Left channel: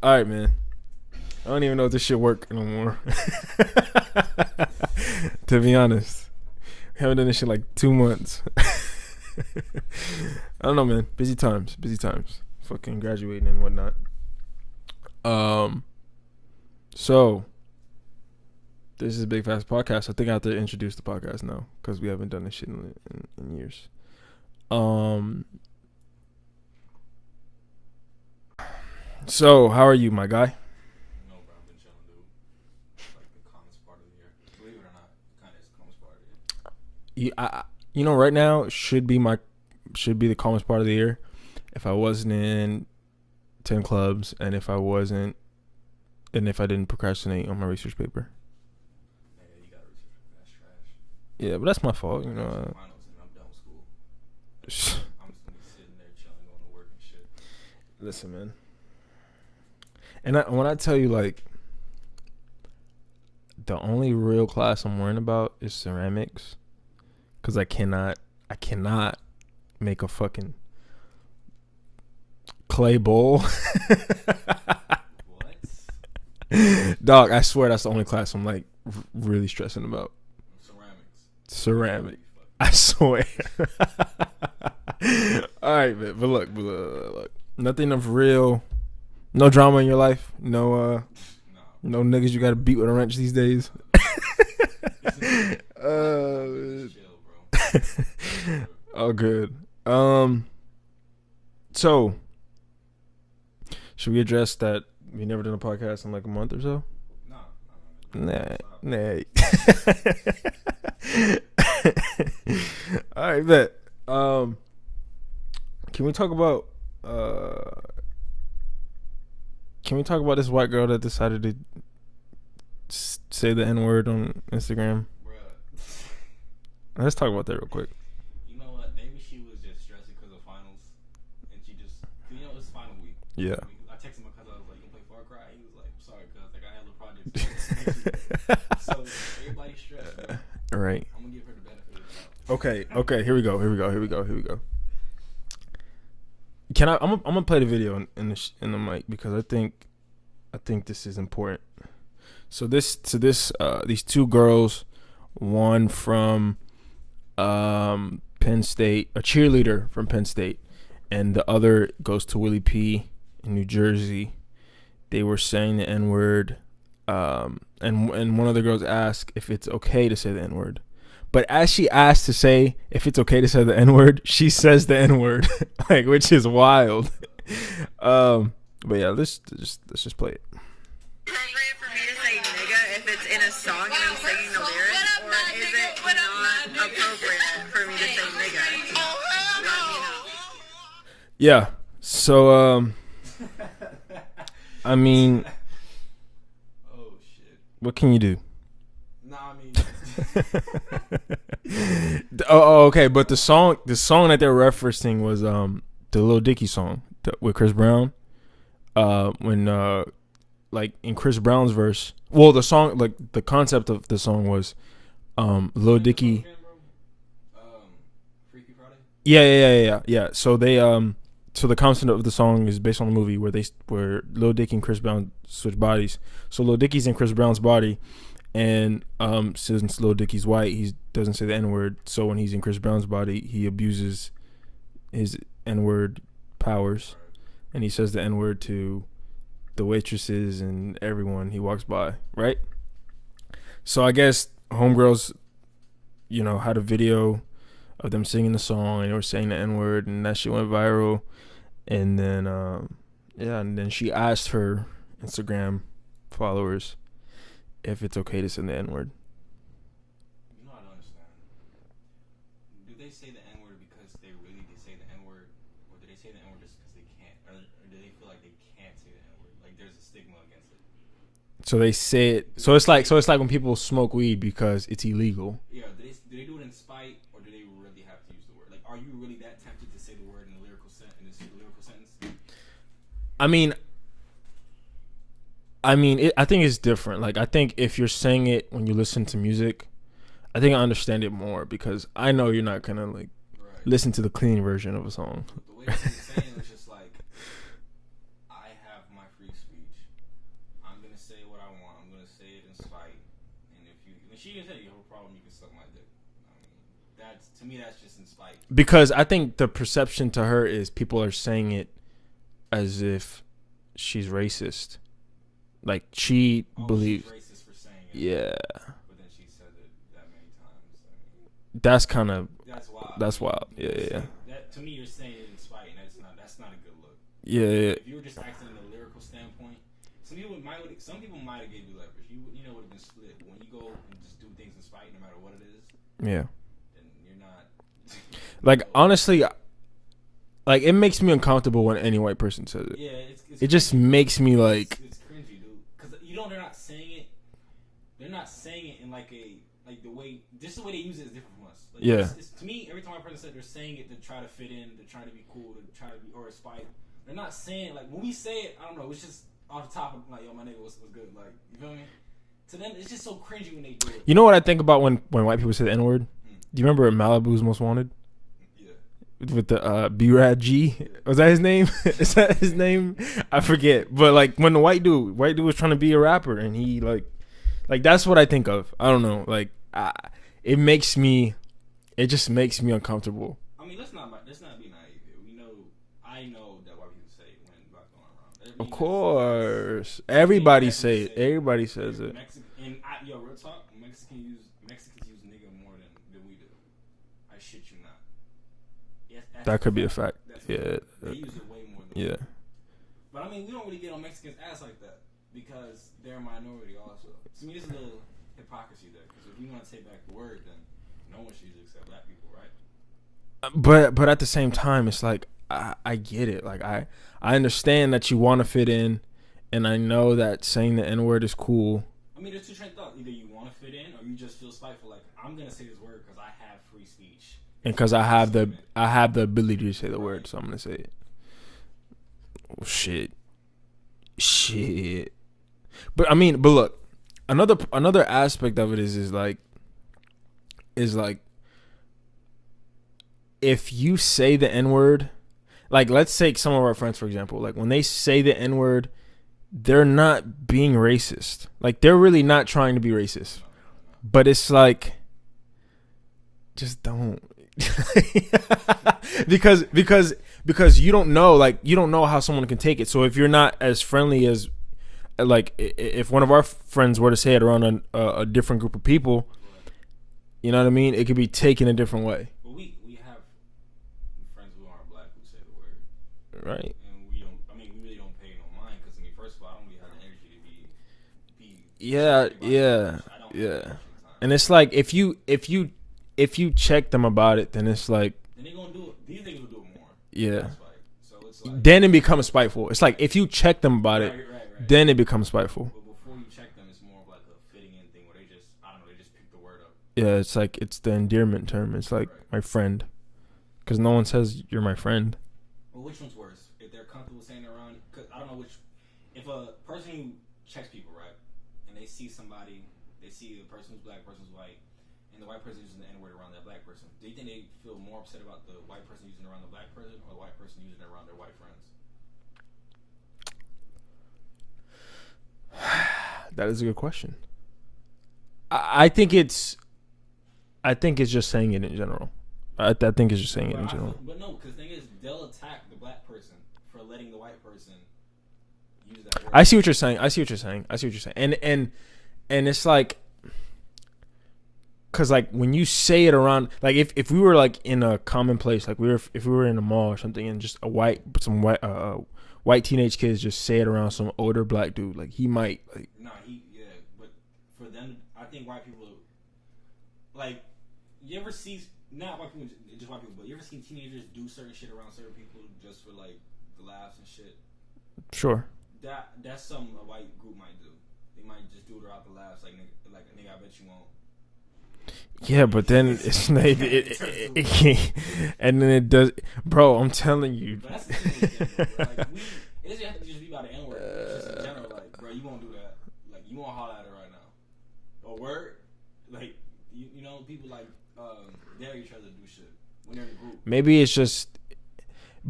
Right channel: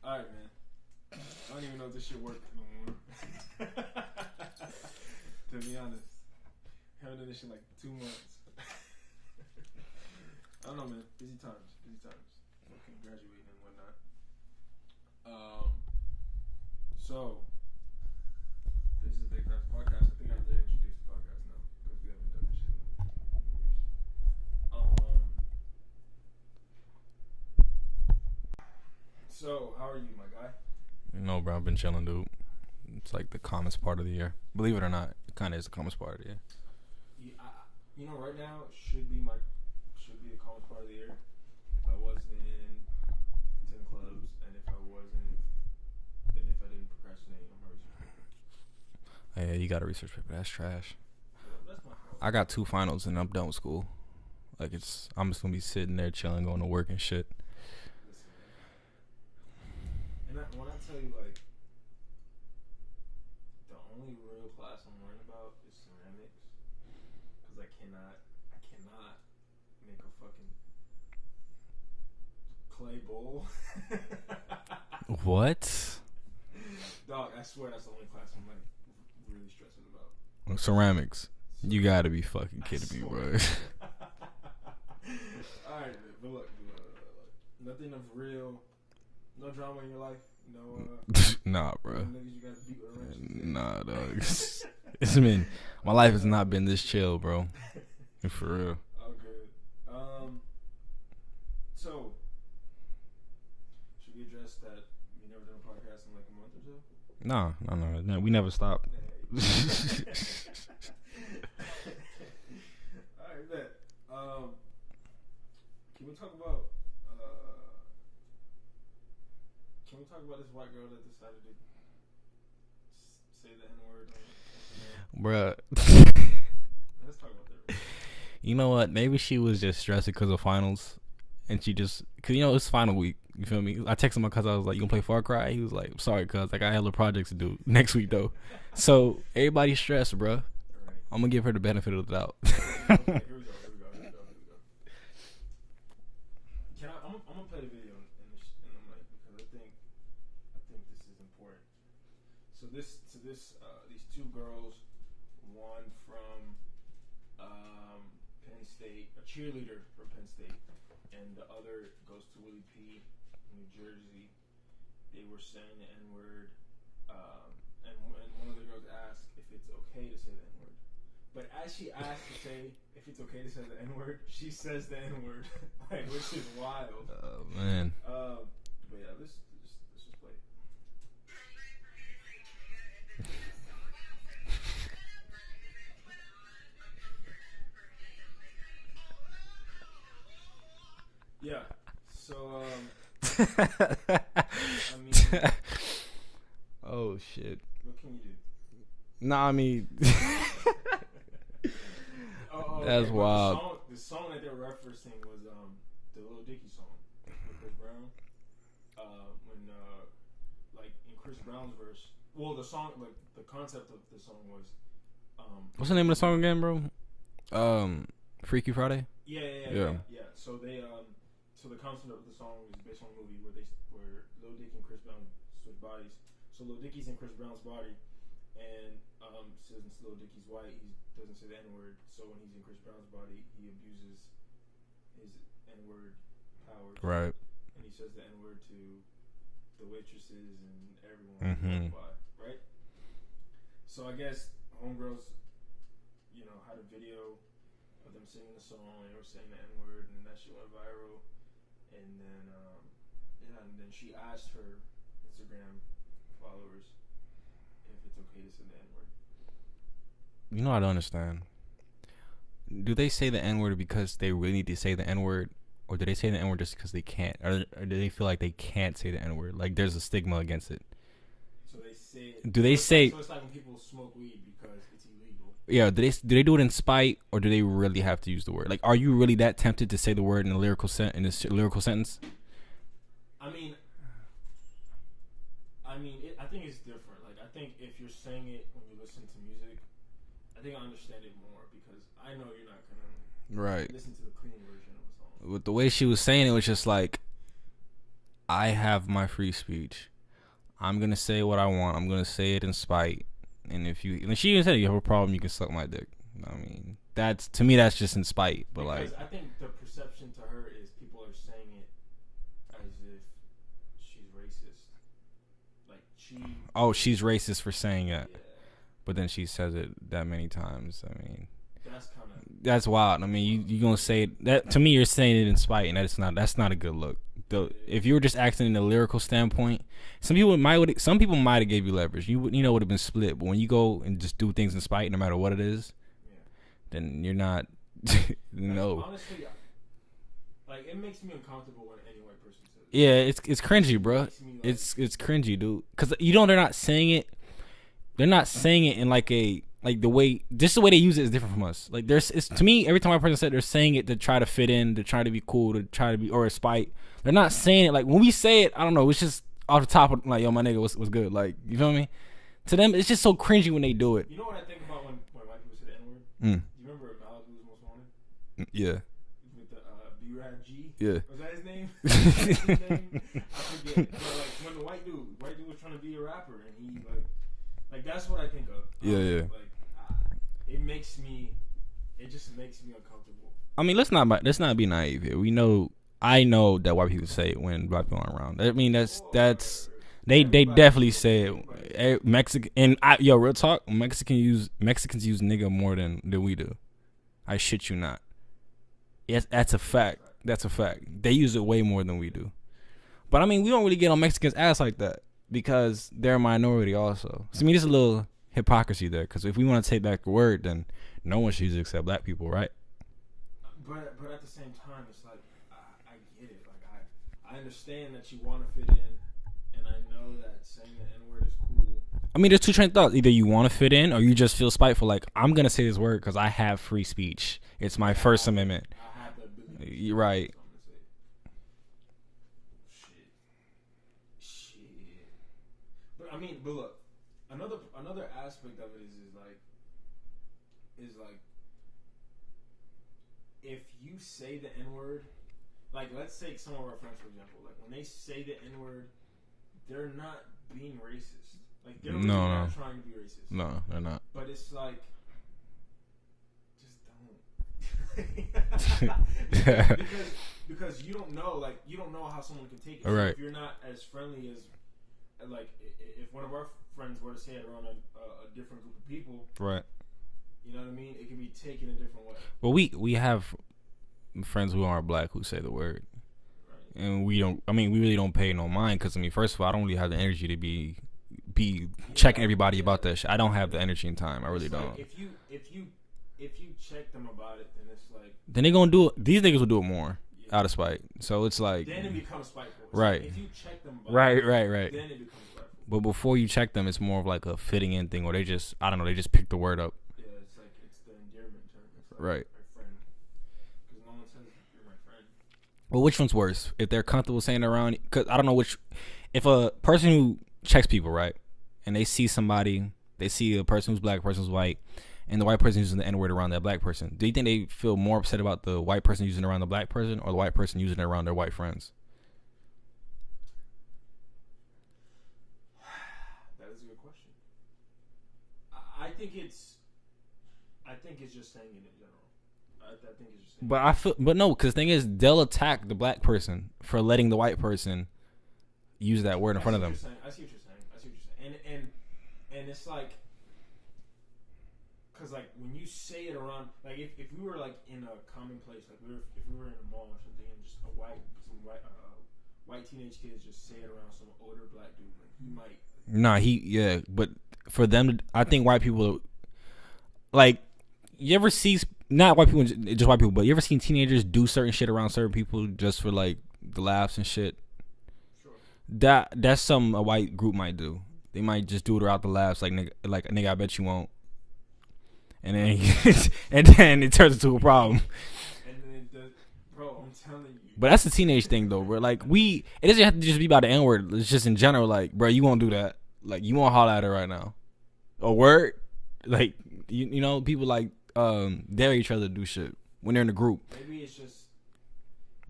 All right, man. I don't even know if this shit work no more. To be honest, I haven't done this shit like 2 months. I don't know, man. Busy times. Fucking graduating and whatnot. So this is Big Fast Podcast. I think I have to introduce the podcast now because we haven't done this shit in years. So how are you, my guy? No, bro, I've been chilling, dude. It's like the calmest part of the year. Believe it or not, it kind of is the calmest part of the year. Right now it should be the calmest part of the year if I wasn't in 10 clubs and if I didn't procrastinate on my research paper. Yeah, you got a research paper. That's trash. Yeah, but that's my fault. I got 2 finals and I'm done with school. Like, I'm just gonna be sitting there chilling, going to work and shit. Listen, man. And when I tell you, like, the only real class I'm worrying about is ceramics, because I cannot make a fucking clay bowl. What? Dog, I swear that's the only class I'm like really stressing about. Ceramics. Ceramic. You gotta be fucking. I swear. All right, man. But look, nothing of real. No drama in your life. No, nah, bro. No niggas you gotta beat with a wrench these days. Nah, it's me. My life has not been this chill, bro. Oh, good. So, should we address that we never done a podcast in like a month or so? No, we never stop. Nah. All right, bet. Can we talk about this white girl that decided to say the N-word on Instagram? Bruh. Let's talk about that real quick. You know what? Maybe she was just stressing because of finals. And she just, because, it's final week. You feel me? I texted my cousin. I was like, you going to play Far Cry? He was like, sorry, cuz. I got hella projects to do next week, though. So, everybody's stressed, bro. All right. I'm going to give her the benefit of the doubt. Okay. Here we go. Can I'm gonna play the video in the mic because I think this is important. So these 2 girls, one from Penn State, a cheerleader from Penn State, and the other goes to Willie P in New Jersey. They were saying the N-word, and one of the girls asked if it's okay to say the N-word. But as she asked to say if it's okay to say the N-word, she says the N-word, like, which is wild. But yeah, let's just play it. Appropriate for me to say nigga if it's in a song and I'm singing the lyrics, or is it not appropriate for me to say nigga? Let me know. Yeah. So I mean, Oh, shit. what can you do? Nah, I mean. Okay. That's But wild. the song that they're referencing was the Lil Dicky song with Chris Brown. When like in Chris Brown's verse, well, the song, like the concept of the song was What's the Lil name of the Dicky. song again, bro? Freaky Friday? Yeah. So the concept of the song is based on the movie where Lil Dicky and Chris Brown switch bodies. So Lil Dicky's in Chris Brown's body. And since Lil Dicky's white, he doesn't say the N-word. So when he's in Chris Brown's body, he abuses his N-word powers. Right. And he says the N-word to the waitresses and everyone he walks by, right? So I guess homegirls, had a video of them singing the song and they were saying the N-word, and that shit went viral. And then, and then she asked her Instagram followers if it's okay to say the N-word. I don't understand. Do they say the N-word because they really need to say the N-word? Or do they say the N-word just because they can't? Or do they feel like they can't say the N-word? Like there's a stigma against it. So they say it. Do so they it's say, like when people smoke weed because it's illegal. Yeah. Do they do it in spite, or do they really have to use the word? Like, are you really that tempted to say the word in a lyrical sentence? I mean, I think it's different. Like, I think if you're saying it when you listen to music, I think I understand it more because I know you're not gonna right listen to the clean version of a song. With the way she was saying it was just like, I have my free speech. I'm gonna say what I want. I'm gonna say it in spite. And if you, and she even said, you have a problem, you can suck my dick. I mean, that's, to me, that's just in spite. Because I think the perception to her is people are saying it as if she's racist. Like she. She's racist for saying it. Yeah. But then she says it that many times. I mean, that's kind of. That's wild. That's wild. You gonna say that to me? You're saying it in spite, and that's not a good look. Yeah. If you were just acting in a lyrical standpoint, some people might have gave you leverage. You would have been split. But when you go and just do things in spite, no matter what it is, yeah, then you're not. Like honestly, like it makes me uncomfortable when any white person says it. Yeah, it's cringy, it just makes me like it's cringy, dude. Because they're not saying it. They're not saying it in like the way the way they use it is different from us. Like it's to me, every time a person said they're saying it to try to fit in, to try to be cool, to try to be or a spite. They're not saying it like when we say it. I don't know. It's just off the top of like, yo, my nigga, what's good? Like, you feel me? To them, it's just so cringy when they do it. You know what I think about when white people say the N-word? Do you remember Malibu's Most Wanted? Yeah. With the B-Rad G? Yeah. Was that his name? Is that his name? I forget. But like when the white dude was trying to be a rapper and he like that's what I think of. I don't know. Like it just makes me uncomfortable. I mean, let's not be naive here. I know that white people say it when black people aren't around. I mean, that's they definitely say it. Everybody says it. Mexican and real talk, Mexicans use nigga more than we do. I shit you not. Yes, that's a fact. That's a fact. They use it way more than we do. But I mean, we don't really get on Mexicans' ass like that because they're a minority also. So I mean, there's a little hypocrisy there because if we want to take back the word, then no one should use it except black people, right? But at the same time, it's like. I get it. Like I understand that you want to fit in, and I know that saying the N-word is cool. I mean, there's two train of thoughts. Either you want to fit in, or you just feel spiteful. Like I'm gonna say this word because I have free speech. It's because I have the ability to say the word, so I'm gonna say it. Oh, shit. But look, another aspect of it is like. If you say the N-word. Like, let's take some of our friends, for example. Like, when they say the N-word, they're not being racist. Like, they're really not trying to be racist. No, they're not. But it's like, just don't. because you don't know. Like, you don't know how someone can take it. So if you're not as friendly as, like, if one of our friends were to say it around a different group of people, right? You know what I mean? It could be taken a different way. Well, we have friends who aren't black who say the word, right? And we really don't pay no mind because first of all, I don't really have the energy to be checking everybody about that shit. I don't have the energy and time. And it's like if you check them about it, then it's like they gonna do it. These niggas will do it more, out of spite. So it's like then it becomes spiteful. It's like if you check them about it, right, then it becomes spiteful. But before you check them, it's more of like a fitting in thing, or they just pick the word up. Yeah, it's like it's the endearment term. It's like my friend. Because no one says you're my friend. Well, which one's worse? If they're comfortable saying it around, because I don't know if a person who checks people, right, and they see a person who's black, a person who's white, and the white person using the N-word around that black person, do you think they feel more upset about the white person using it around the black person or the white person using it around their white friends? That is a good question. I think it's just saying it in general. I think it's just saying but no, because the thing is, they'll attack the black person for letting the white person use that word. I see what you're saying. And it's like, because like when you say it around, like if we were like in a common place, like if we were in a mall or something, and just white teenage kids just say it around some older black dude, like he might. Like, but for them, I think white people, like, you ever see. Not white people, just white people, but you ever seen teenagers do certain shit around certain people just for like the laughs and shit? Sure. That's something a white group might do. They might just do it around the laughs, like nigga, I bet you won't. Yeah, but then it turns into a problem. And then it does, bro. I'm telling you. But that's a teenage thing, though. Where like it doesn't have to just be about the N-word. It's just in general, like, bro, you won't do that. Like, you won't holler at her right now. A word, like you know, people like. Dare each other to do shit when they're in a group. Maybe it's just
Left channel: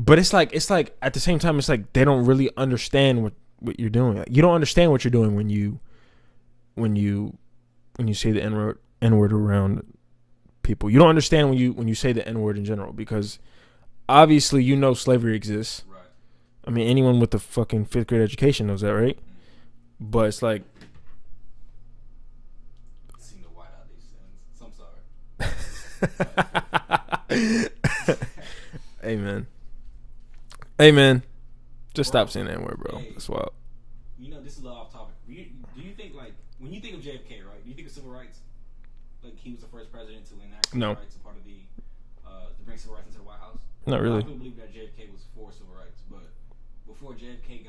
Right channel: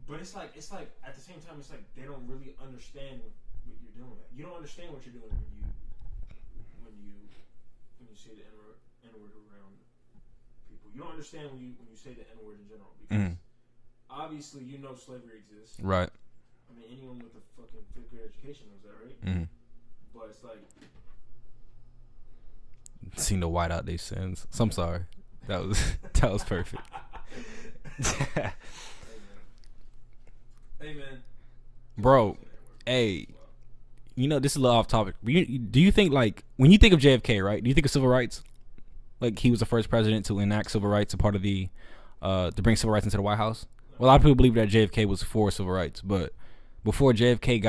But it's like at the same time, it's like they don't really understand what you're doing. You don't understand what you're doing when you say the N-word around people. You don't understand when you say the N-word in general, because obviously slavery exists. Right. I mean, anyone with a fucking 5th grade education knows that, right? Mm-hmm. But it's like, seen the white out their sins. So I'm sorry. That was perfect. Hey man, just Bro, stop saying that word, bro. hey. It's wild. This is a little off topic. Do you think, like, when you think of JFK, right? Do you think of civil rights? Like, he was the first president to enact civil rights, a part of the to bring civil rights into the White House. Not A lot of people believe that JFK was for civil rights, but before JFK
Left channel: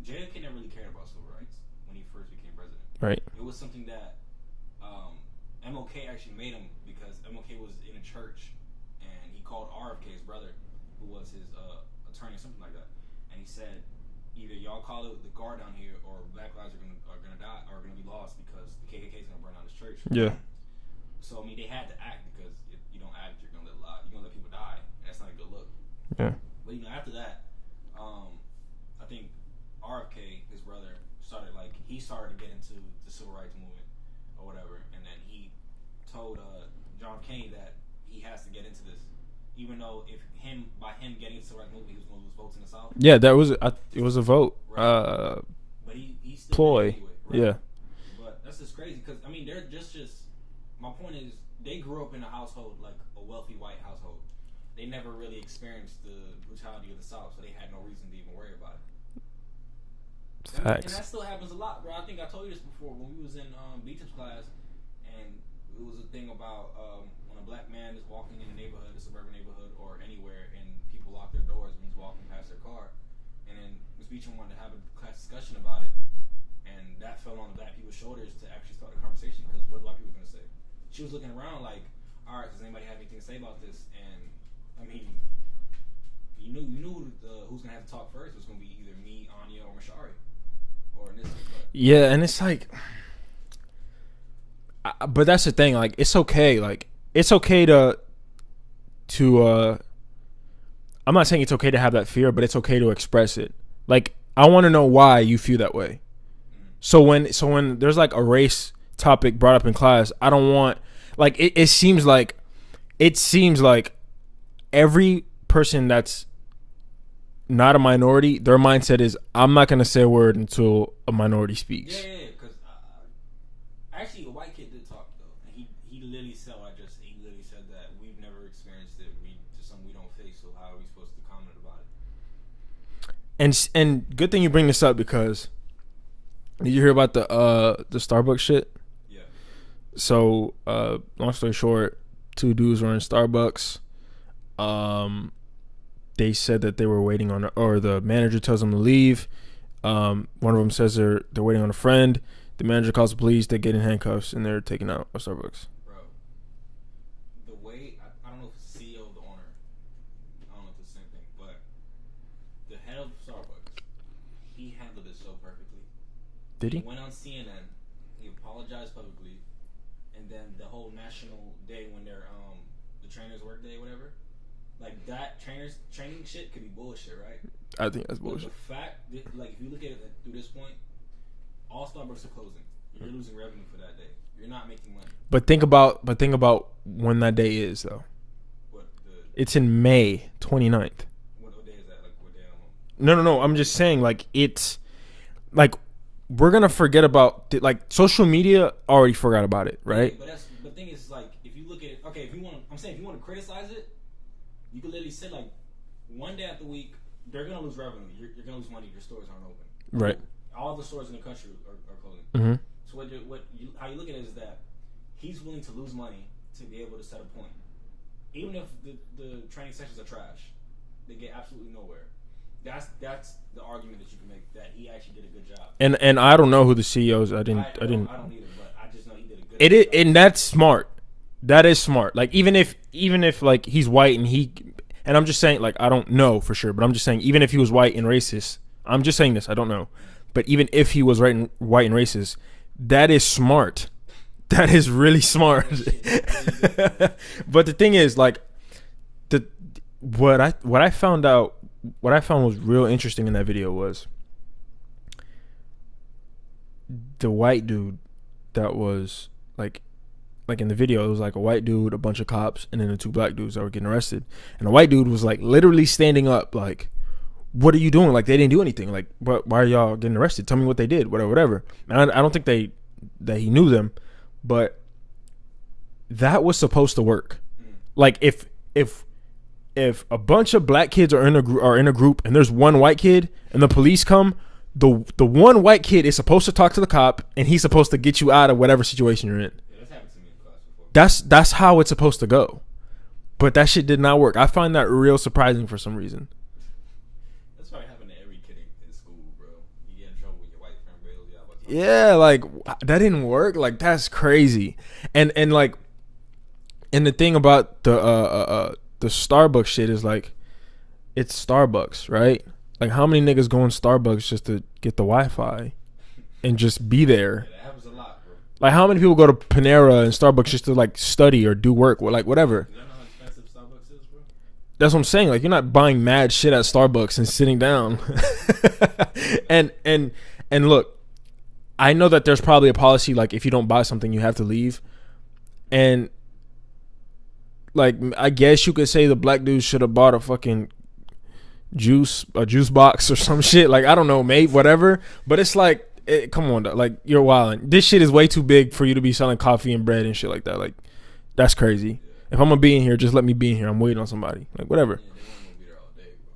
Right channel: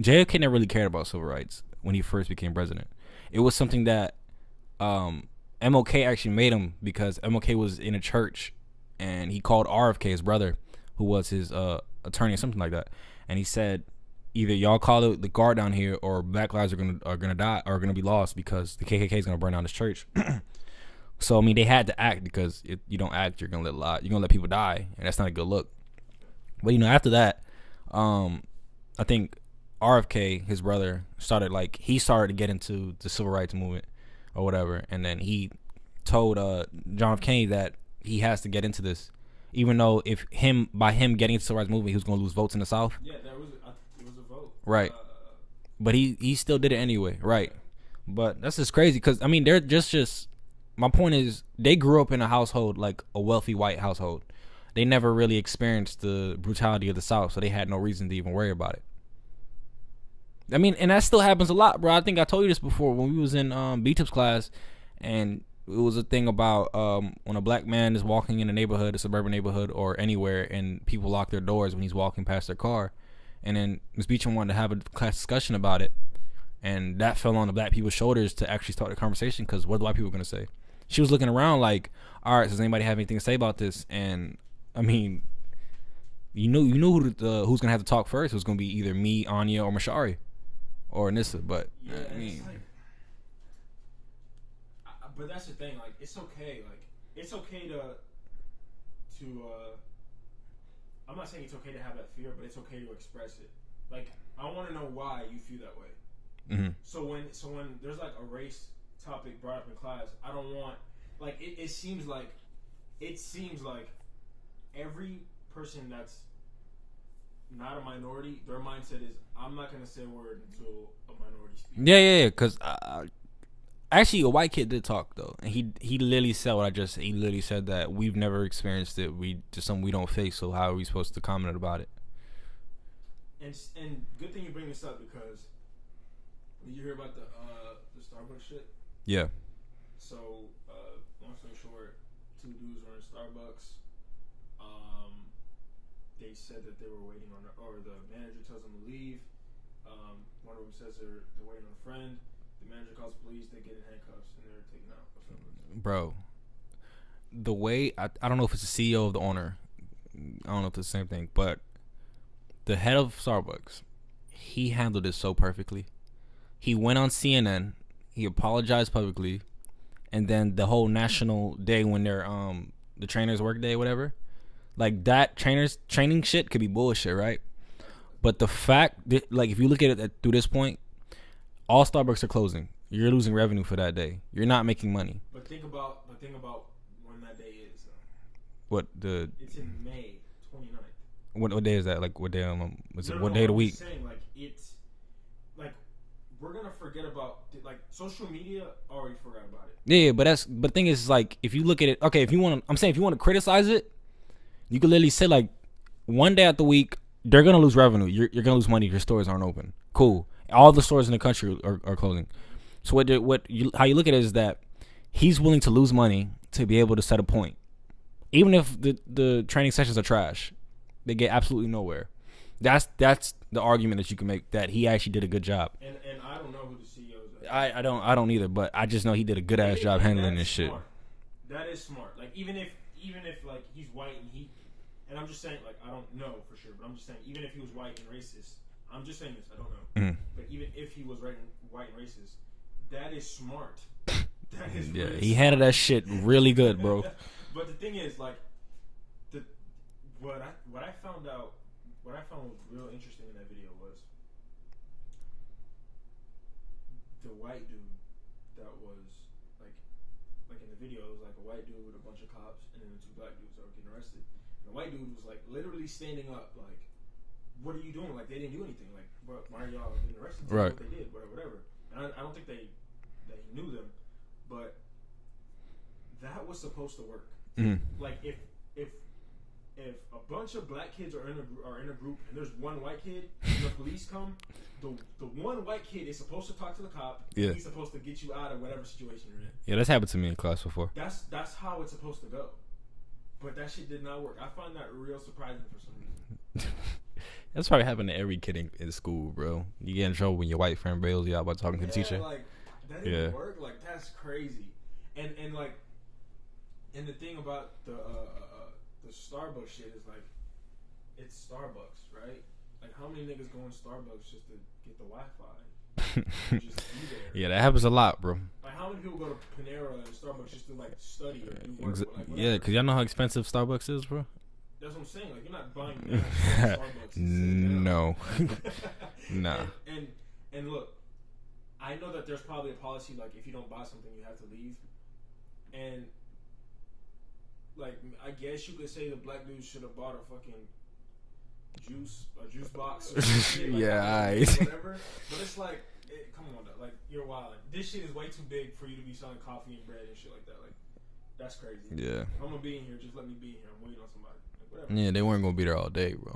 JFK never really cared about civil rights when he first became president. Right. It was something that MLK actually made him, because MLK was in a church and he called RFK, his brother, who was his attorney or something like that, and he said, either y'all call the guard down here, or black lives are gonna die, or gonna be lost, because the KKK is gonna burn down this church. Yeah. So I mean, they had to act, because if you don't act, you're gonna let people die, and that's not a good look. Yeah. But after that, I think RFK, his brother, started to get into the civil rights movement or whatever, and then he told John F. Kennedy that he has to get into this, even though by him getting into the civil rights movement, he was going to lose votes in the South. Yeah, it was a vote. Right. But he still did it anyway. Right. Yeah. But that's just crazy, because, I mean, they're just my point is, they grew up in a household, like a wealthy white household. They never really experienced the brutality of the South, so they had no reason to even worry about it. I mean, and that still happens a lot, bro. I think I told you this before when we was in B-Tips class, and it was a thing about when a black man is walking in a neighborhood, a suburban neighborhood, or anywhere, and people lock their doors when he's walking past their car. And then Ms. Beecham wanted to have a class discussion about it, and that fell on the black people's shoulders to actually start the conversation, because what are the white people going to say? She was looking around like, all right, does anybody have anything to say about this? And, I mean, you knew who's going to have to talk first. It was going to be either me, Anya, or Mashari, or Nissa. But yeah, and it's like, but that's the thing. Like, it's okay. Like, it's okay to I'm not saying it's okay to have that fear, but it's okay to express it. Like, I want to know why you feel that way. Mm-hmm. So when there's like a race topic brought up in class, I don't want, like, it seems like every person that's not a minority, their mindset is, I'm not gonna say a word until a minority speaks. Yeah. Because actually, a white kid did talk though, and he literally said what I just said. He literally said that we've never experienced it. We just something we don't face. So how are we supposed to comment about it? And good thing you bring this up, because did you hear about the Starbucks shit? Yeah. So long story short, 2 dudes were in Starbucks. They said that they were waiting on, or the manager tells them to leave. One of them says they're waiting on a friend. The manager calls the police. They get in handcuffs and they're taken out of Starbucks. Bro, the way I don't know if it's the CEO or the owner. I don't know if it's the same thing, but the head of Starbucks, he handled it so perfectly. He went on CNN. He apologized publicly, and then the whole national day when they're the trainers' work day, whatever. Like, that training shit could be bullshit, right? I think that's bullshit. But the fact that, like, if you look at it through this point, all Starbucks are closing. You're losing revenue for that day. You're not making money. But think about when that day is, though. It's in May 29th. What day is that? Like, what day? No. I'm just saying, like, it's like, we're gonna forget about like, social media already forgot about it, right? Yeah, but the thing is, like, if you look at it, okay, if you want to criticize it, you could literally say, like, one day out the week they're gonna lose revenue. You're gonna lose money if your stores aren't open. Cool. Right. All the stores in the country are closing. Mm-hmm. So how you look at it is that he's willing to lose money to be able to set a point, even if the training sessions are trash. They get absolutely nowhere. That's the argument that you can make, that he actually did a good job. And I don't know who the CEO is. I don't either, but I just know he did a good job. And that's smart. That is smart. Like, even if like, he's white and I'm just saying, like, I don't know for sure, but I'm just saying, even if he was white and racist, I'm just saying this, I don't know. Mm-hmm. But even if he was white and racist, that is smart. That is really smart. That shit really good, bro. But the thing is, like, what I found was real interesting in that video was the white dude that was like in the video, it was like a white dude, a bunch of cops, and then the two black dudes that were getting arrested. And the white dude was like literally standing up like, what are you doing? Like, they didn't do anything. Like, why are y'all getting arrested? Tell me what they did, whatever. And I don't think that he knew them, but that was supposed to work. Like, if a bunch of black kids are in a group and there's one white kid and the police come, the one white kid is supposed to talk to the cop and he's supposed to get you out of whatever situation you're in. Yeah, that's happened to me in class before. That's how it's supposed to go. But that shit did not work. I find that real surprising for some reason. That's probably happened to every kid in school, bro. You get in trouble when your white friend bails you out by talking. Yeah, like that didn't work. Like, that's crazy. And like, and the thing about the Starbucks shit is like, it's Starbucks, right? Like, how many niggas go in Starbucks just to get the Wi-Fi and just be there? Yeah, that happens a lot, bro. Like, how many people go to Panera and Starbucks just to like study or do work or like whatever? Yeah, cause y'all know how expensive Starbucks is, bro. That's what I'm saying. Like, you're not buying mad shit at Starbucks and sitting down. No. And look, I know that there's probably a policy like, if you don't buy something, you have to leave. And like, I guess you could say the black dude should have bought a fucking juice box or some shit. Like, I don't know, maybe whatever. But it's like, come on, like, you're wilding. This shit is way too big for you to be selling coffee and bread and shit like that. Like, that's crazy. Yeah. If I'm gonna be in here, just let me be in here. I'm waiting on somebody. Like, whatever. Yeah, they weren't gonna be there all day, bro.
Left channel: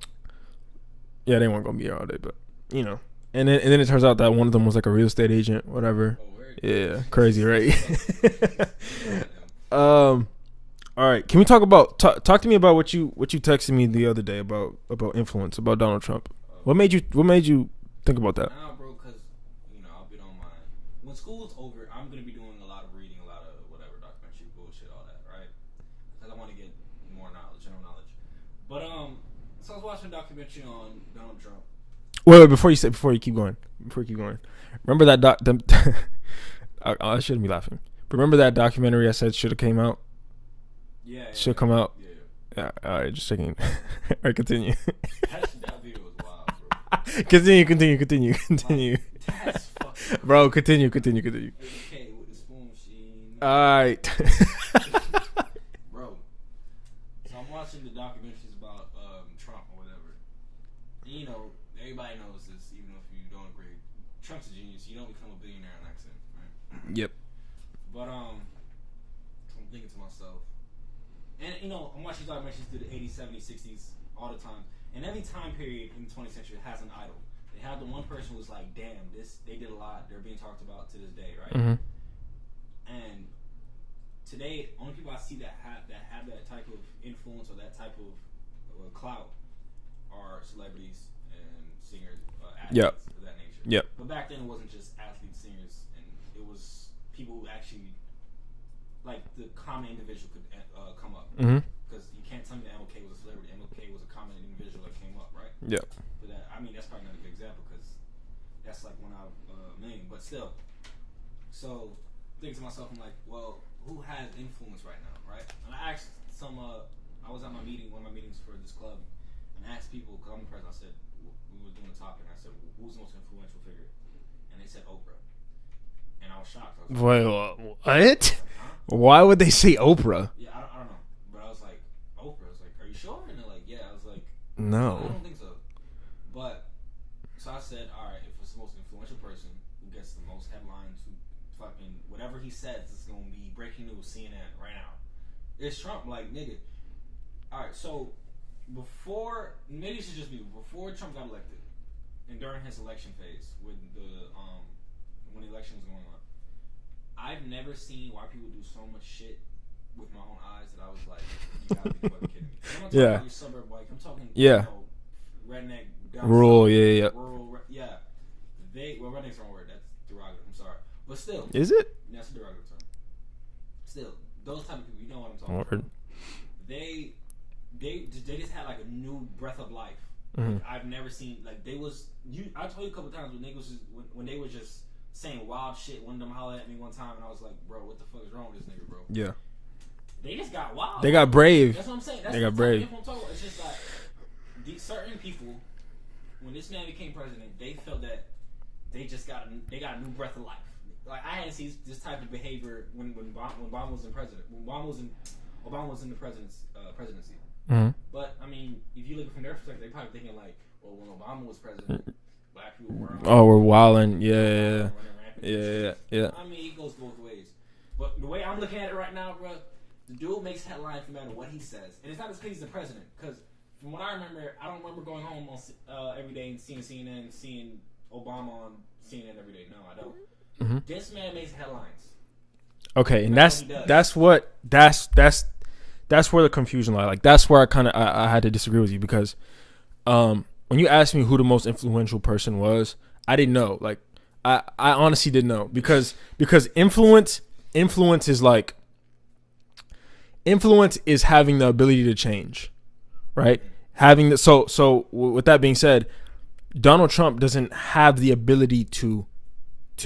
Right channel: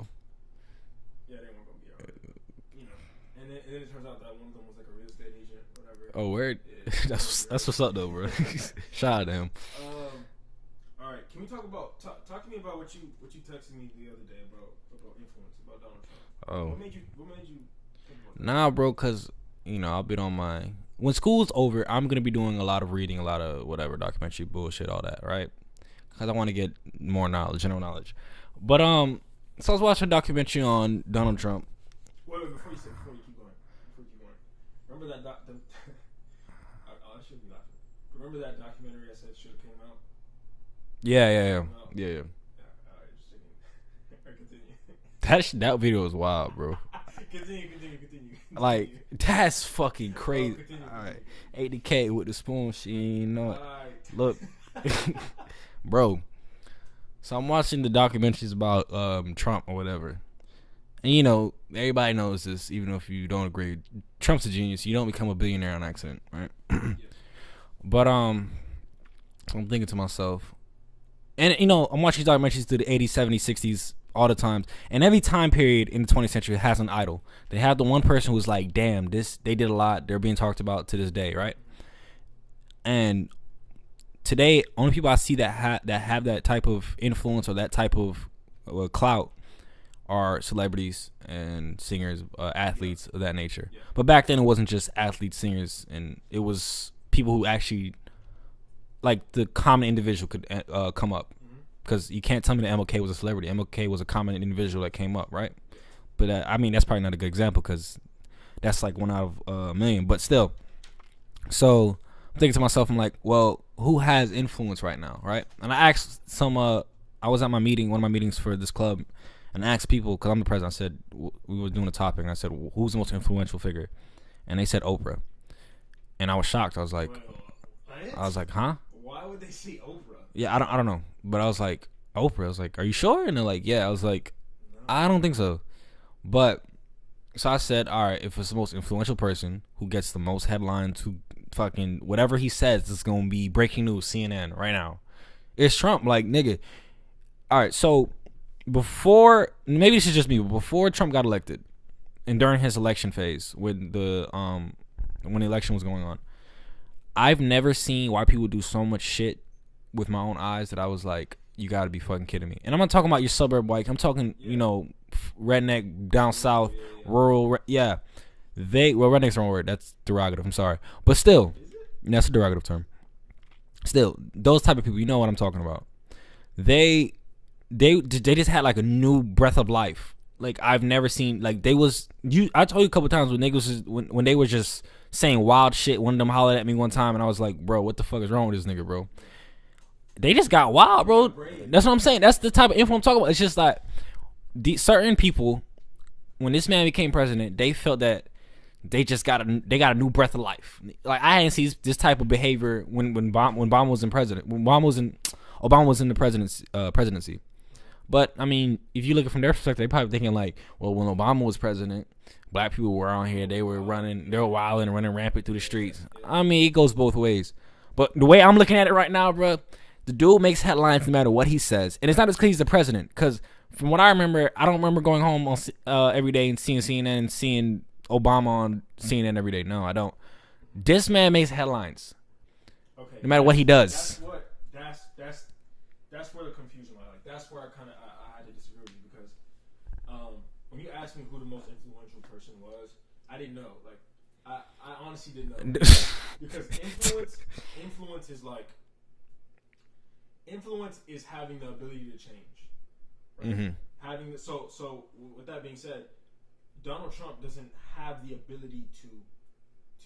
Yeah, they weren't gonna be there all day, but you know. And then it turns out that one of them was like a real estate agent, whatever. Oh, word. Yeah, crazy, right? That's what's up, though, bro. Shout out to him. All right, can we talk about talk to me about what you texted me the other day about influence, about Donald Trump? What made you think about that? Nah, bro, cause I've been on my. When school's over, I'm going to be doing a lot of reading, a lot of whatever, documentary bullshit, all that, right? Because I want to get more knowledge, general knowledge. But, so I was watching a documentary on Donald Trump. Wait, before you keep going. Remember that I shouldn't be laughing. Remember that documentary I said should have came out? Yeah. Should come out? Yeah. All right, just checking. All right, continue. That video was wild, bro. Continue. Like, that's fucking crazy. Bro, continue. 80K with the spoon, All right. Look. Bro, so I'm watching the documentaries about Trump or whatever. And, everybody knows this, even if you don't agree. Trump's a genius. You don't become a billionaire on accident, right? Yep. But, I'm thinking to myself, and, I'm watching documentaries through the 80s, 70s, 60s all the time. And every time period in the 20th century has an idol. They have the one person who's like, damn, they did a lot. They're being talked about to this day, right? Mm-hmm. And today, only people I see that have that type of influence or that type of clout are celebrities and singers, athletes of that nature. Yeah. But back then, it wasn't just athletes, singers, and it was people who actually... like the common individual could come up, because you can't tell me that MLK was a celebrity. MLK was a common individual that came up, right? Yeah. But I mean, that's probably not a good example because that's like one out of a million. But still, so I'm thinking to myself, I'm like, well, who has influence right now, right? And I asked some. I was at my meeting, one of my meetings for this club, and I asked people because I'm the president. I said we were doing a topic, and I said, who's the most influential figure? And they said Oprah. And I was shocked. I was like, wait, what? I was like, huh? Why would they say Oprah? Yeah, I don't know. But I was like, Oprah. I was like, are you sure? And they're like, yeah. I was like, no, I don't think so. But so I said, all right, if it's the most influential person who gets the most headlines, who fucking whatever he says is gonna be breaking news, CNN right now, it's Trump. Like, nigga. All right, so before, maybe this is just me, but before Trump got elected and during his election phase when the election was going on, I've never seen why people do so much shit with my own eyes that I was like, you gotta be fucking kidding me. And I'm not talking about your suburb white. I'm talking, redneck down rural, south, rural, yeah. Redneck's the wrong word. That's derogative. I'm sorry, but still, is it? That's a derogative term. Still, those type of people, you know what I'm talking about. They just had like a new breath of life. Like I've never seen. Like I told you a couple times when niggas when they were just saying wild shit. One of them hollered at me one time, and I was like, bro, what the fuck is wrong with this nigga, bro? Yeah. they just got wild, They bro. got brave. That's what I'm saying. That's They the got type brave. of info I'm talking about. It's just like certain people, when this man became president, they felt that they just got a new breath of life. Like I hadn't seen this type of behavior when Obama was in president. When Obama was in the presidency. Mm-hmm. But I mean, if you look at it from their perspective, they probably thinking like, well, when Obama was president, black people were on here. Oh, we're they were wilding. running, Yeah, they were yeah, wilding yeah. and running rampant through the streets. Yeah. I mean, it goes both ways. But the way I'm looking at it right now, bro, the dude makes headlines no matter what he says, and it's not just because he's the president. Because from what I remember, I don't remember going home on every day and seeing CNN and seeing Obama on CNN every day. No, I don't. Mm-hmm. This man makes headlines. Okay, No matter what he does. That's where the confusion lies. Like that's where I had to disagree with you because when you asked me who the most influential person was, I didn't know. Like I honestly didn't know because influence is like influence is having the ability to change, right? Mm-hmm. Having the so with that being said, Donald Trump doesn't have the ability to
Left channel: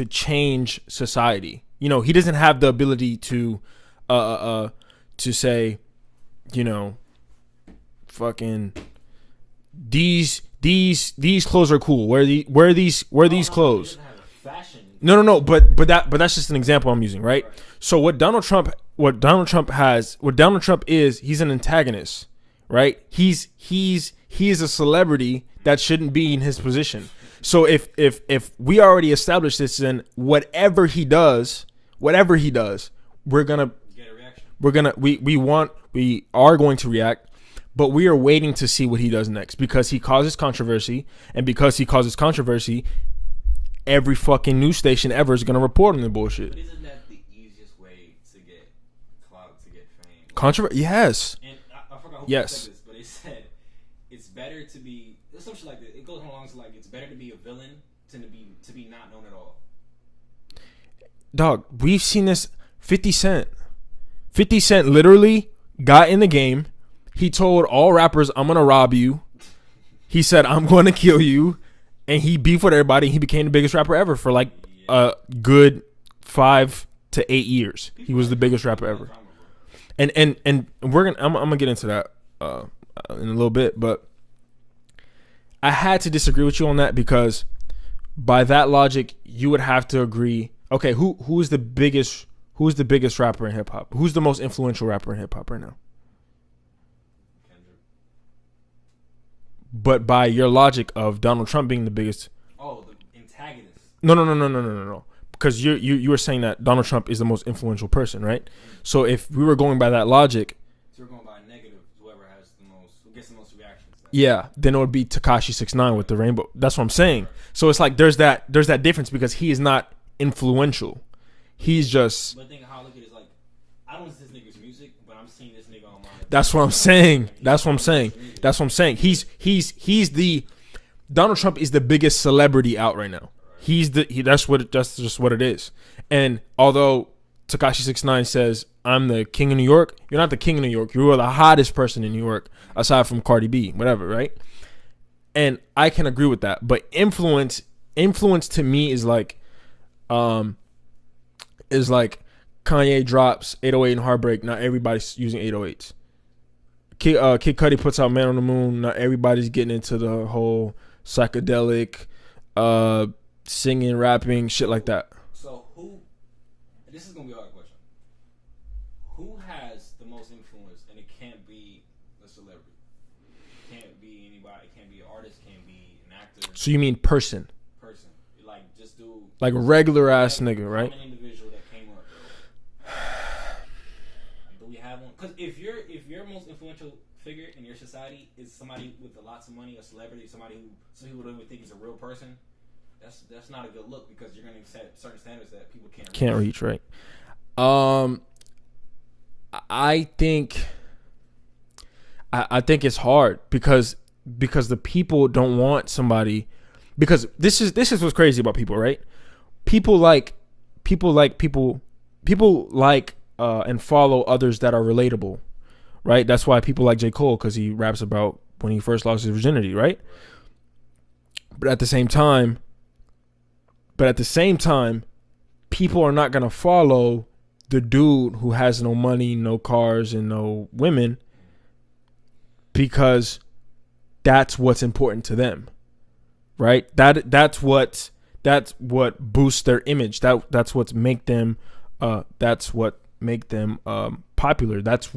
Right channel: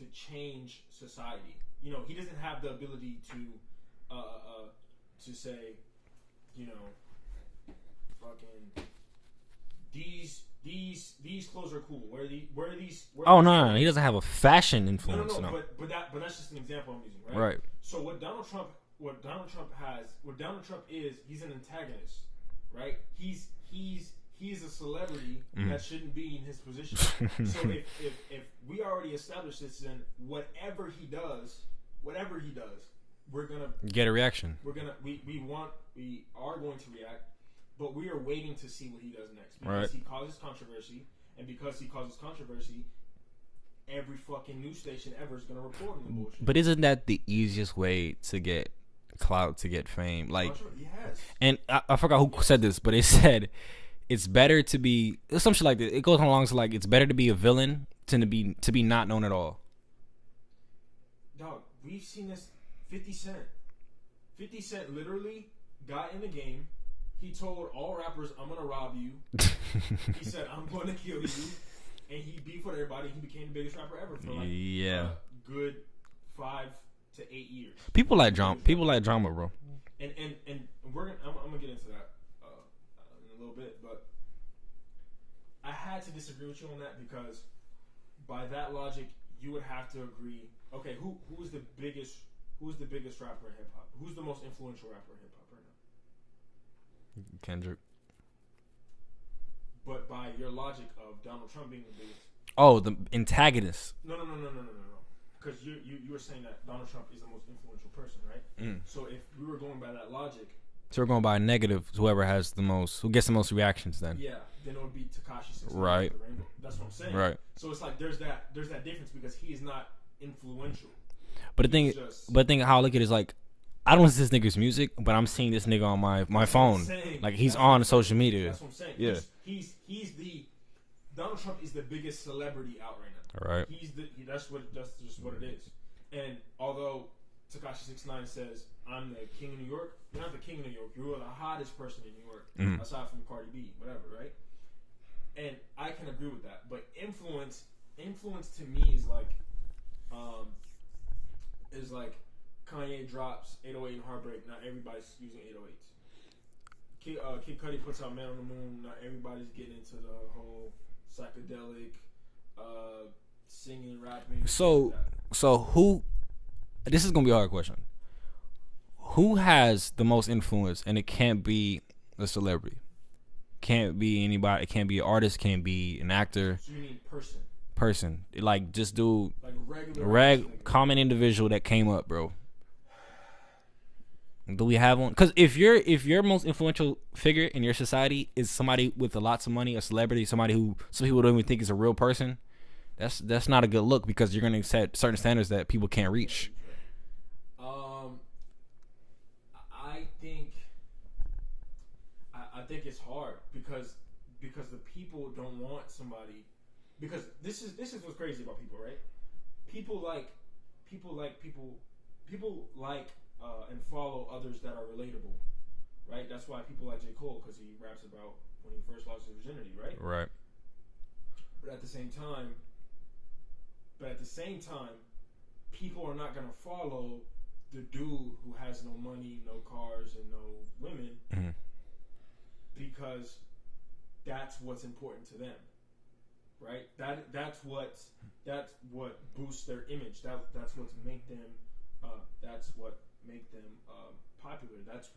change society. You know, he doesn't have the ability to say, you know, fucking these clothes are cool. Wear these clothes. No, he doesn't have a fashion influence. No. But that's just an example I'm using, right? Right. So what Donald Trump is, he's an antagonist, right? He is a celebrity that shouldn't be in his position. So if we already established this, then whatever he does, we're gonna get a reaction. We are going to react, but we are waiting to see what he does next because he causes controversy, and because he causes controversy, every fucking news station ever is gonna report on the bullshit. But isn't that the easiest way to get clout, to get fame? Like, Yes. And I forgot who said this, but it said it's better to be some shit like this. It goes along to like it's better to be a villain than to be not known at all. Dog, we've seen this. 50 Cent literally got in the game. He told all rappers, I'm gonna rob you. He said, I'm gonna kill you, and he beefed with everybody. He became the biggest rapper ever for like a good 5 to 8 years. People he was like the drama. biggest rapper People like ever. drama, bro. And I'm gonna get into that in a little bit, but I had to disagree with you on that because by that logic, you would have to agree. Okay, who's the biggest rapper in hip hop? Who's the most influential rapper in hip hop right now? Kendrick. But by your logic of Donald Trump being the biggest, the antagonist. no. Because you were saying that Donald Trump is the most influential person, right? So if we were going by that logic, so we're going by negative. Who gets the most reactions then? yeah, then it would be Tekashi 6ix9ine with the rainbow. That's what I'm saying. Right. So it's like there's that difference because he is not influential. But But think how I look at it is like, I don't listen to this nigga's music, but I'm seeing this nigga on my That's my what I'm phone. saying. Like, he's That's what on I'm saying. social media. That's what I'm saying. Yeah. He's the Donald Trump is the biggest celebrity out right now. Right. That's just what it is. And although Tekashi 6ix9ine says, I'm the king of New York, you're not the king of New York. You are the hottest person in New York, aside from Cardi B, whatever, right? And I can agree with that. But influence to me is like Kanye drops 808 and Heartbreak. Not everybody's using 808s. Kid Cudi puts out Man on the Moon. Not everybody's getting into the whole psychedelic, singing, rapping, shit like that. So who? This is gonna be a hard question. Who has the most influence? And it can't be a celebrity. Can't be anybody. It can't be an artist. Can't be an actor. So you mean person? Like just do Like regular ass nigga, common right? individual that came up, bro. Do we have one? Because if your most influential figure in your society is somebody with lots of money, a celebrity, somebody who some people don't even think is a real person, that's not a good look because you're gonna set certain standards that people can't reach. Right? I think it's hard because the people don't want somebody. Because this is what's crazy about people, right? People like and follow others that are relatable, right? That's why people like J. Cole, because he raps about when he first lost his virginity, right? Right. But at the same time, people are not gonna follow the dude who has no money, no cars, and no women, because that's what's important to them, right? That's what boosts their image. That's what make them popular. That's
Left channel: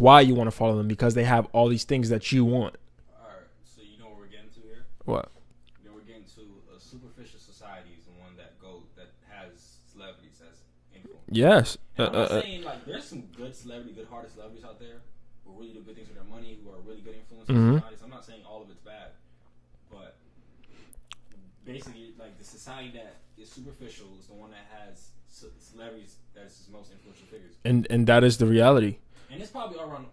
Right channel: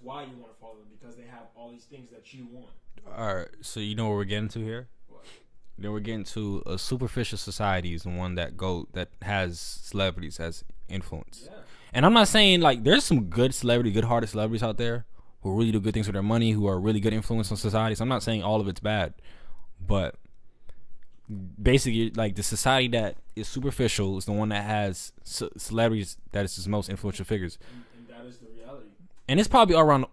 why you want to follow them, because they have all these things that you want. All right, so you know what we're getting to here? What? Then we're getting to a superficial society is the one that has celebrities as influence. Yes. And I'm not saying like there's some good-hearted celebrities out there who really do good things with their money, who are really good influence in society. So I'm not saying all of it's bad, but basically, like, the society that is superficial is the one that has celebrities that is its most influential figures, and that is the reality. And it's probably all around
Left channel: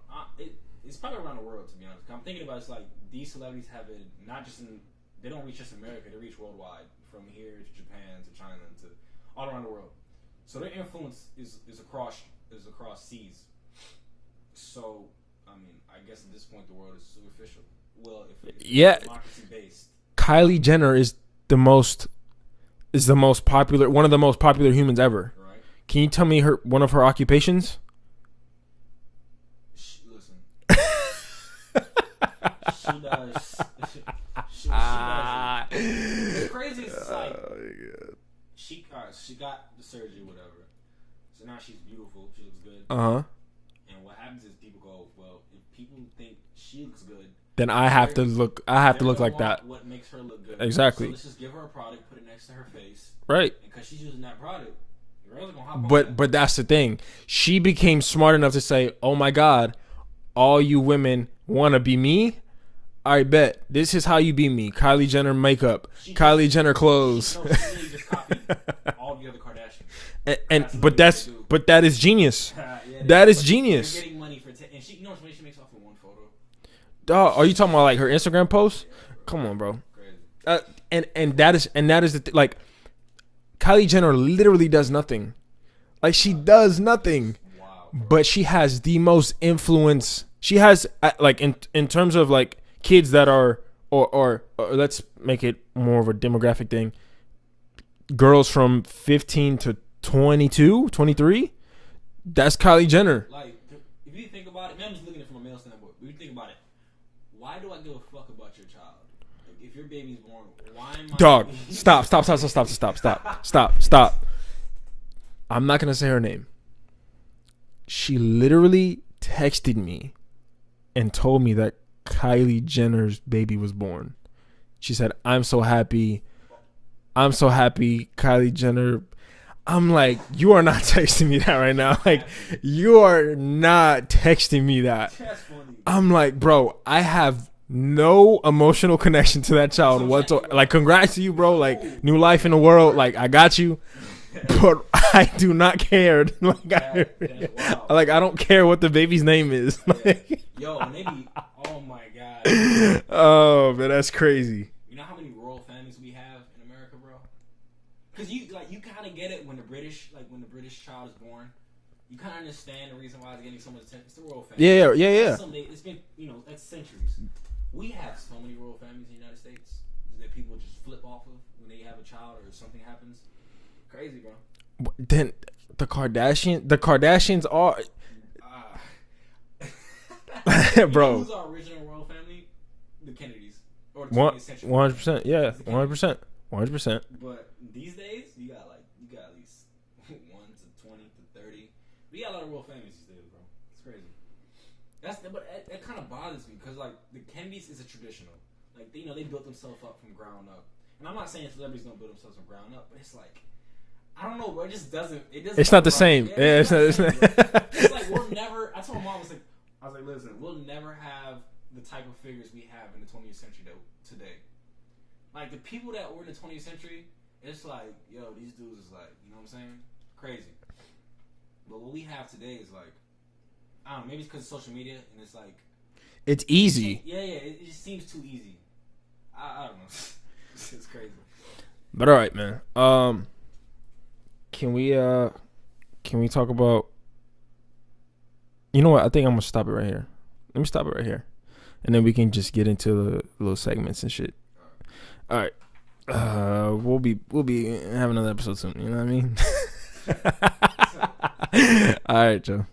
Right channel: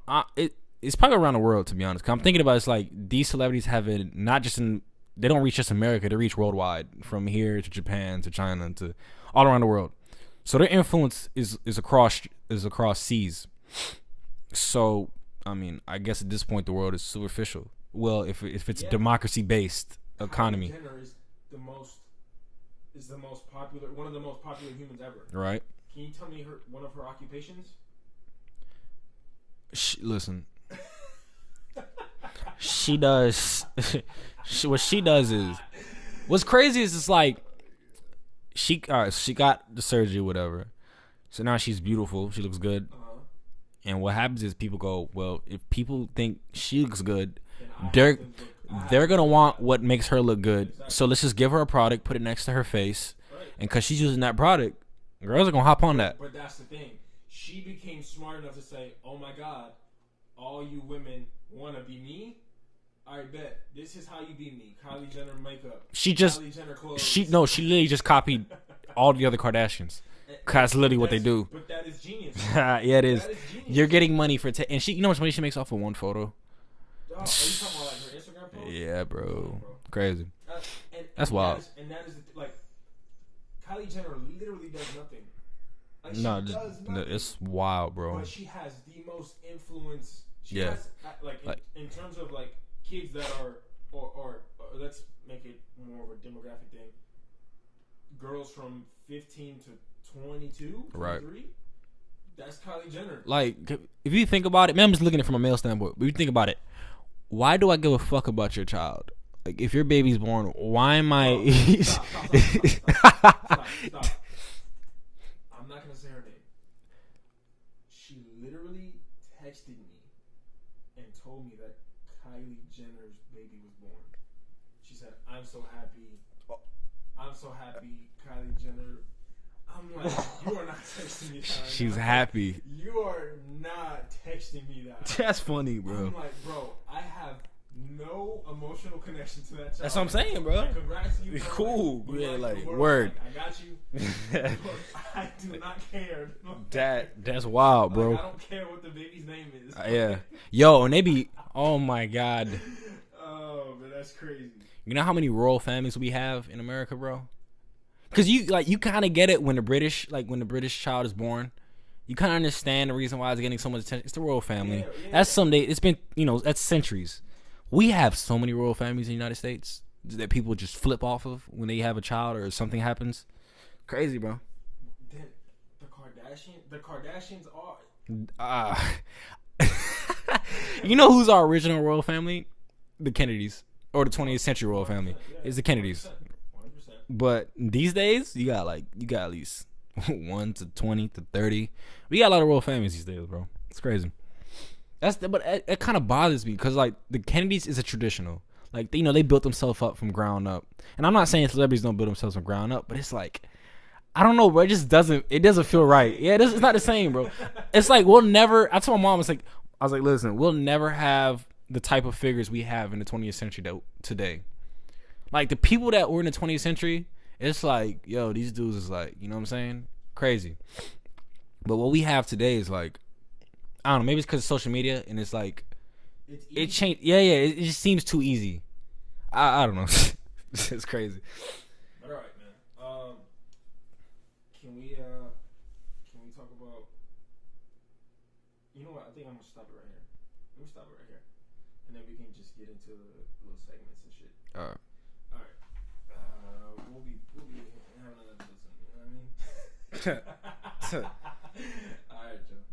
it's probably around the world, to be honest. 'Cause I'm thinking about it's like these celebrities have it not just in, they don't reach just America, they reach worldwide, from here to Japan to China to all around the world. So their influence is across seas. So I mean, I guess at this point the world is superficial. Well, if it's democracy based. Kylie Jenner is the most popular, one of the most popular humans ever. Right. Can you tell me one of her occupations? Listen. She does. What she does is, what's crazy is it's like she got the surgery, whatever. So now she's beautiful. She looks good. And what happens is people go, well, if people think she looks good, then I have to look. They're gonna want what makes her look good. Exactly. So let's just give her a product, put it next to her face, right? And because she's using that product, girls are gonna hop on that. But that's the thing. She became smart enough to say, "Oh my God, all you women want to be me. I bet this is how you be me. Kylie Jenner makeup, Kylie Jenner clothes." She literally just copied all the other Kardashians. That's literally what they do. But that is genius. Yeah, it is. That is genius. They're getting money for and she. You know how much money she makes off of one photo? Are you talking about like her Instagram post? Yeah, bro. Come on, bro. Crazy. And that is the like, Kylie Jenner literally does nothing. Like, she does nothing. It's wild, bro. But she has the most influence. She has like in terms of like kids that are or let's make it more of a demographic thing. Girls from 15 to 22, 23. Right. That's Kylie Jenner. Like, if you think about it, man, I'm just looking at it from a male standpoint. But if you think about it, why do I give a fuck about your child? Like, if your baby's born, why am I? Dog, stop. I'm not gonna say her name. She literally texted me and told me that Kylie Jenner's baby was born. She said, I'm so happy, Kylie Jenner. I'm like, you are not texting me that right now. Like, you are not texting me that. That's funny, bro. I'm like, bro, I have no emotional connection to that child whatsoever. Like, congrats to you, bro. Cool. Like, new life in the world. Word. Like, I got you. But I do not care. Like, that's wild, bro. Like, I don't care what the baby's name is. Yeah. Yo, and they be, oh my God. Oh, man, that's crazy. You know how many royal families we have in America, bro? Because you kind of get it when the British child is born. You kind of understand the reason why it's getting so much attention. It's the royal family. Yeah. That's someday. It's been, that's centuries. We have so many royal families in the United States that people just flip off of when they have a child or something happens. Crazy, bro. Then the Kardashians are. You know who's our original royal family? The Kennedys, or the 20th century royal 100%, family. Yeah, it's the Kennedys. 100%. But these days, you got at least 1 to 20 to 30. We got a lot of royal families these days, bro. It's crazy. But it kind of bothers me because, like, the Kennedys is a traditional. Like, they built themselves up from ground up. And I'm not saying celebrities don't build themselves from ground up, but it's like, I don't know, bro. It just doesn't. It doesn't. It's feel not the right. same. Yeah, it's not the same, bro. It's like we'll never. I told my mom, I was like, listen, we'll never have the type of figures we have in the 20th century today. Like, the people that were in the 20th century, it's like, yo, these dudes is like, you know what I'm saying? Crazy. But what we have today is like, I don't know, maybe it's because of social media and it's like, it's easy. It just seems too easy. I don't know. It's crazy. But all right, man. Can we talk about, you know what? I think I'm gonna stop it right here. Let me stop it right here, and then we can just get into the little segments and shit. All right. We'll be having another episode soon. You know what I mean? All right, Joe.